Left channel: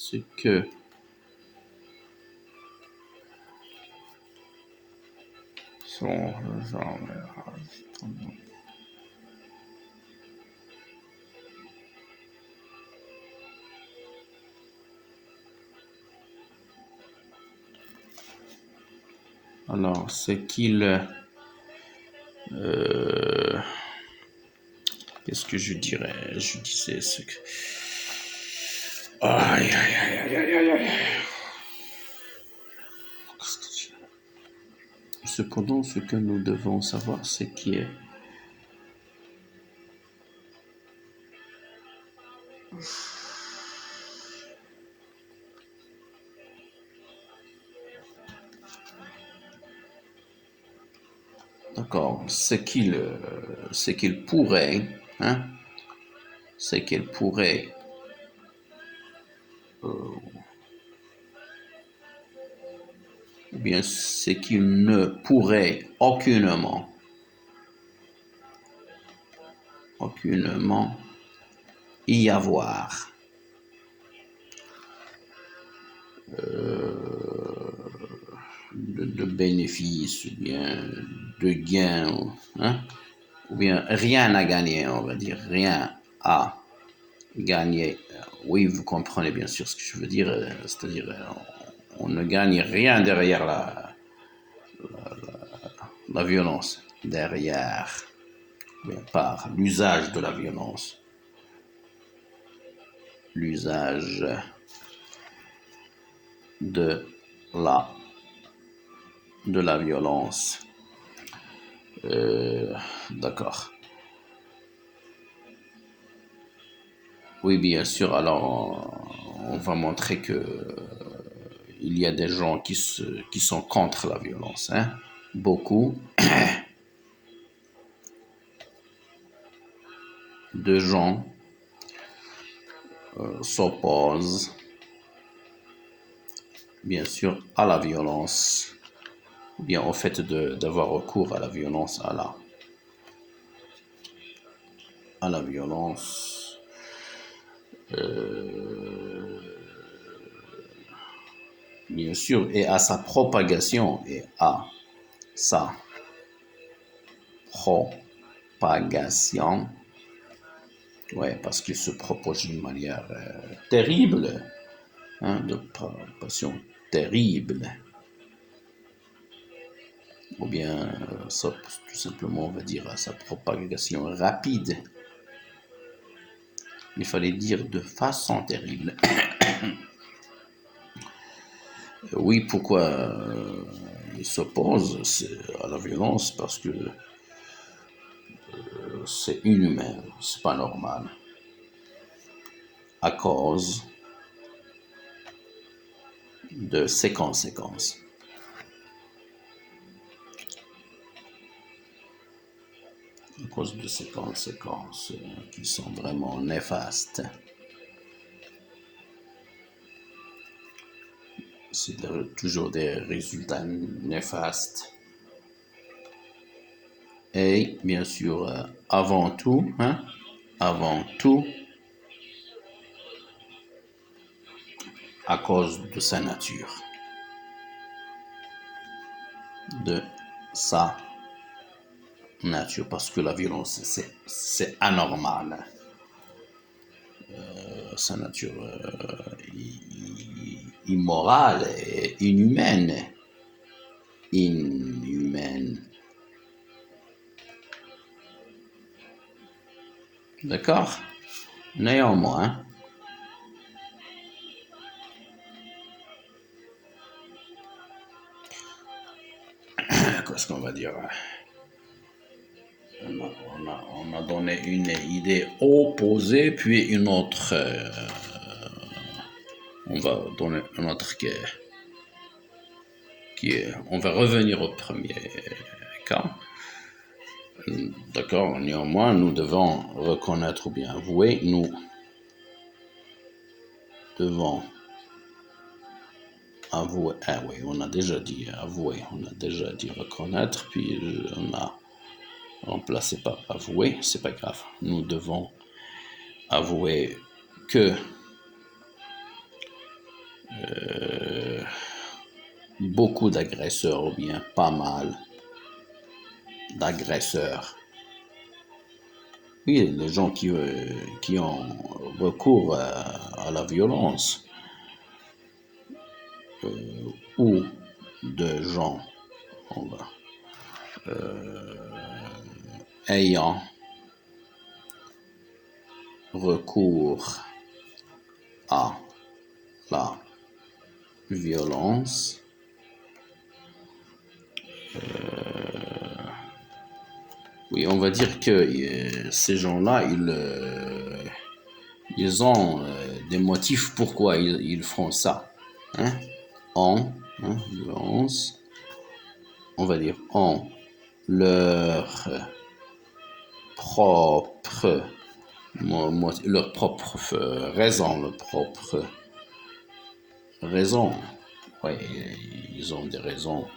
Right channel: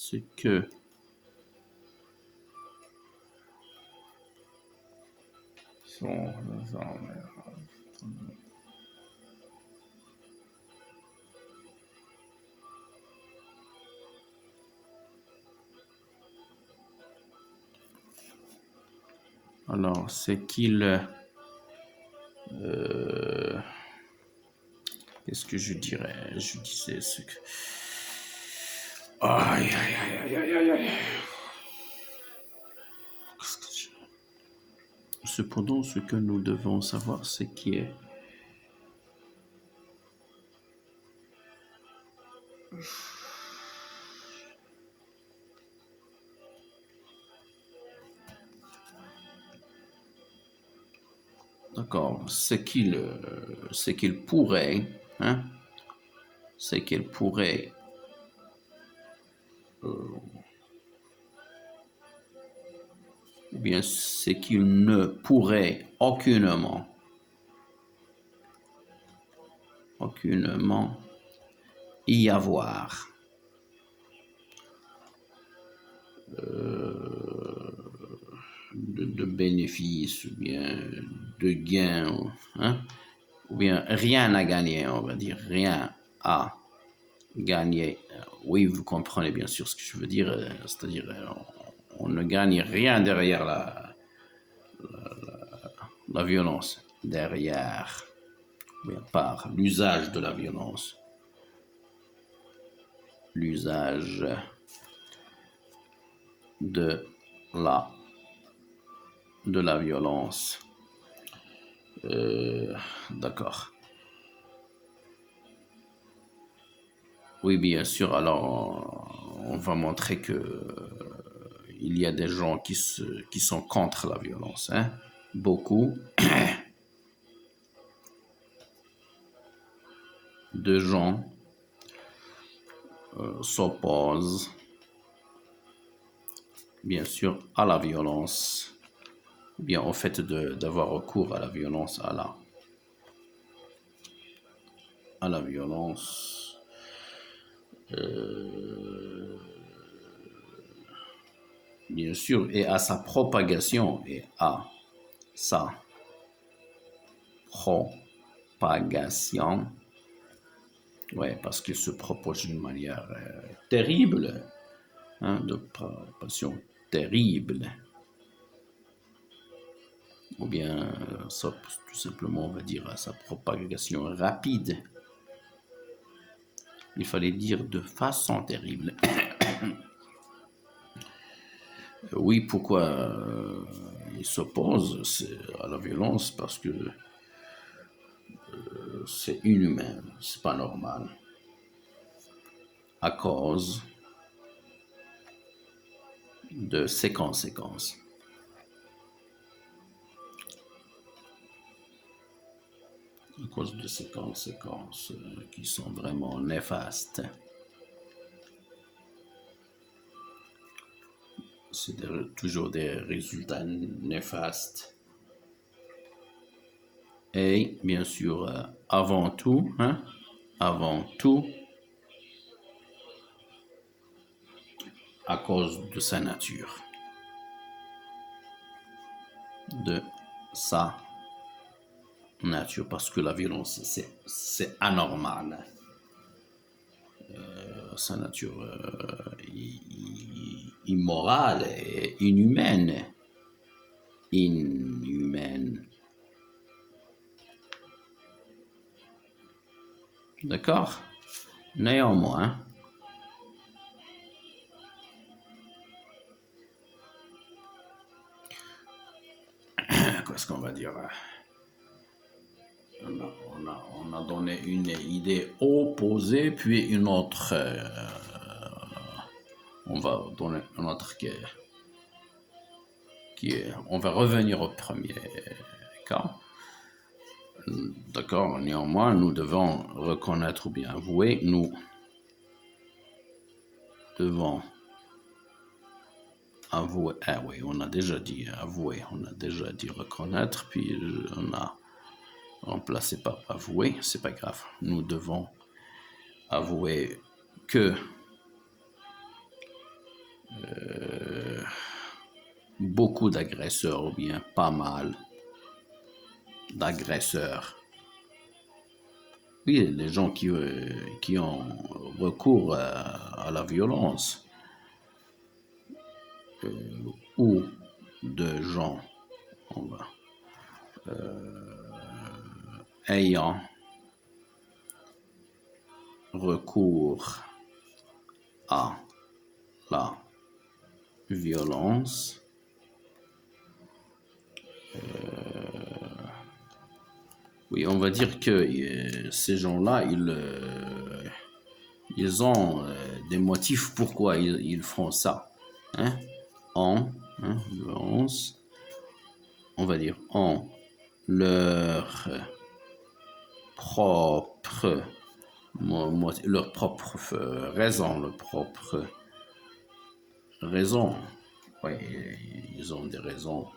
ce que sont alors c'est qu'il qu'est-ce que je dirais? Je disais ce que aïe aïe aïe aïe aïe aïe. Cependant, ce que nous devons savoir, c'est qui est d'accord, c'est qu'il pourrait, hein, c'est qu'il pourrait ou bien c'est qu'il ne pourrait aucunement y avoir de bénéfices ou bien de gains, hein, ou bien rien à gagner, on va dire, rien à gagner. Oui, vous comprenez bien sûr ce que je veux dire, c'est-à-dire on ne gagne rien derrière la violence, derrière, bien par l'usage de la violence, l'usage de la violence. D'accord. Oui, bien sûr. Alors, on va montrer que il y a des gens qui sont contre la violence, hein. Beaucoup de gens s'opposent, bien sûr, à la violence, ou bien au fait d'avoir recours à la violence, à la violence. Bien sûr, et à sa propagation, ouais, parce qu'il se propage d'une manière terrible, hein, de propagation terrible, ou bien ça, tout simplement on va dire à sa propagation rapide. Il fallait dire de façon terrible. Oui, pourquoi il s'oppose à la violence? Parce que c'est inhumain, c'est pas normal. À cause de ses conséquences. À cause de ces conséquences qui sont vraiment néfastes. C'est toujours des résultats néfastes. Et bien sûr, avant tout, à cause de sa nature. De sa nature, parce que la violence, c'est anormal. Sa nature immorale et inhumaine. D'accord? Néanmoins, qu'est-ce qu'on va dire? On a donné une idée opposée, puis une autre. On va donner une autre on va revenir au premier cas. D'accord, néanmoins, nous devons reconnaître ou bien avouer, nous devons avouer, ah oui, on a déjà dit avouer, on a déjà dit reconnaître, puis on a remplacé par avouer, c'est pas grave. Nous devons avouer que beaucoup d'agresseurs ou bien pas mal d'agresseurs. Oui, les gens qui ont recours à la violence ou de gens ayant recours à la violence. Oui, on va dire que ces gens-là, ils ont des motifs pourquoi ils font ça. Hein? Violence, on va dire en leur propre raison, leur propre raison. Oui, ils ont des raisons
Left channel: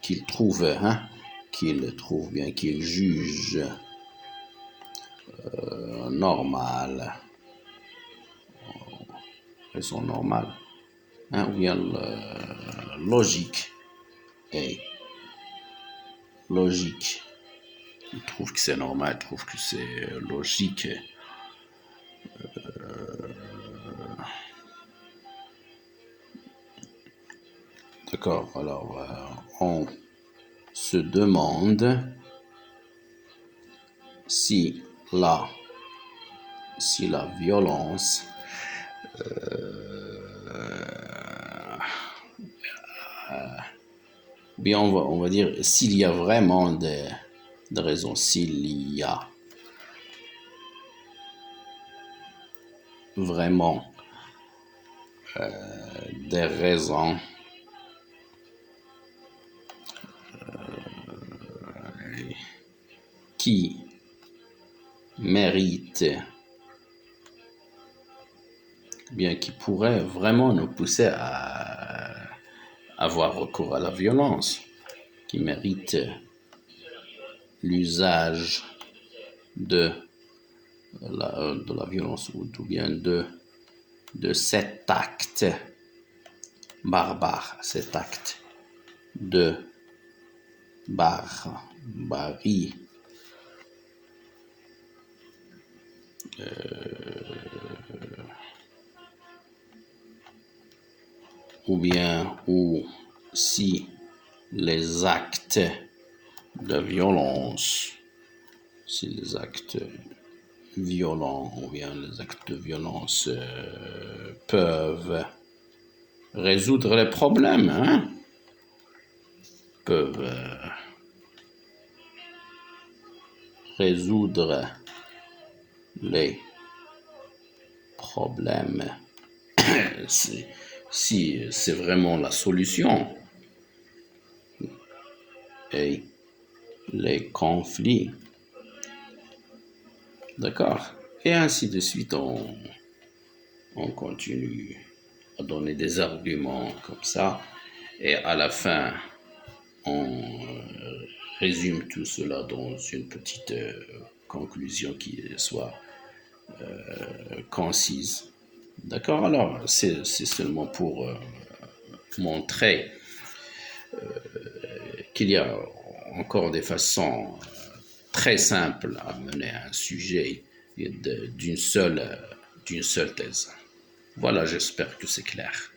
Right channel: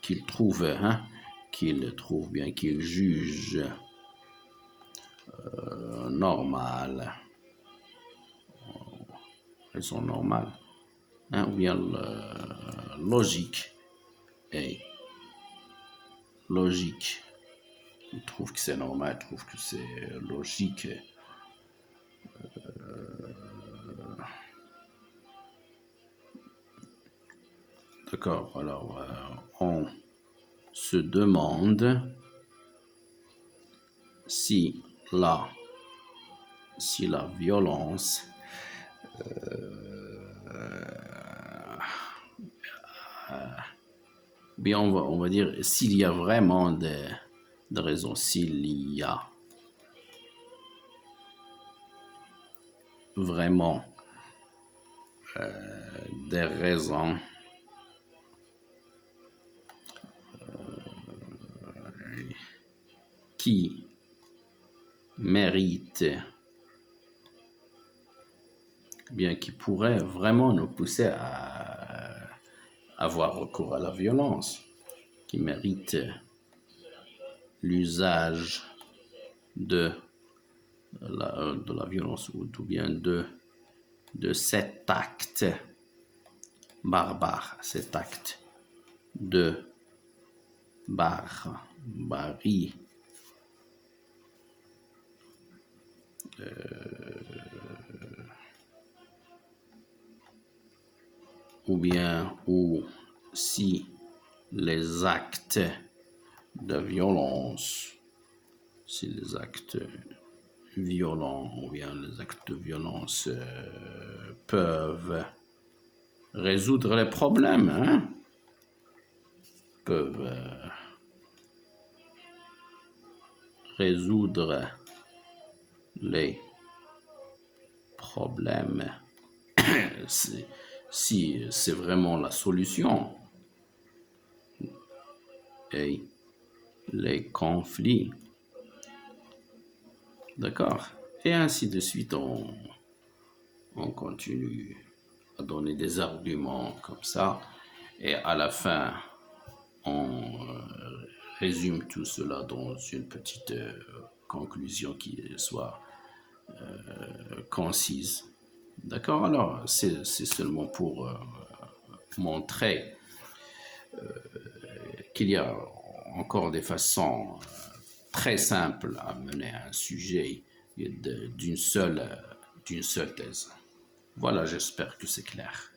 qu'ils trouvent, bien, qu'ils jugent normales, raison normale, ou bien logique. Et logique, ils trouvent que c'est normal, ils trouvent que c'est logique. D'accord, alors on se demande si la violence bien on va dire s'il y a vraiment des raisons, s'il y a vraiment des raisons qui méritent, bien qui pourraient vraiment nous pousser à avoir recours à la violence, qui méritent l'usage de la violence ou bien de cet acte barbare, cet acte de barbarie. Ou si les actes de violence, violents ou bien les actes de violence peuvent résoudre les problèmes, peuvent résoudre les problèmes. Si c'est vraiment la solution et les conflits, d'accord, et ainsi de suite, on continue à donner des arguments comme ça, et à la fin, on résume tout cela dans une petite conclusion qui soit concise. D'accord? Alors, c'est seulement pour montrer qu'il y a encore des façons très simples à mener un sujet d'une seule thèse. Voilà, j'espère que c'est clair.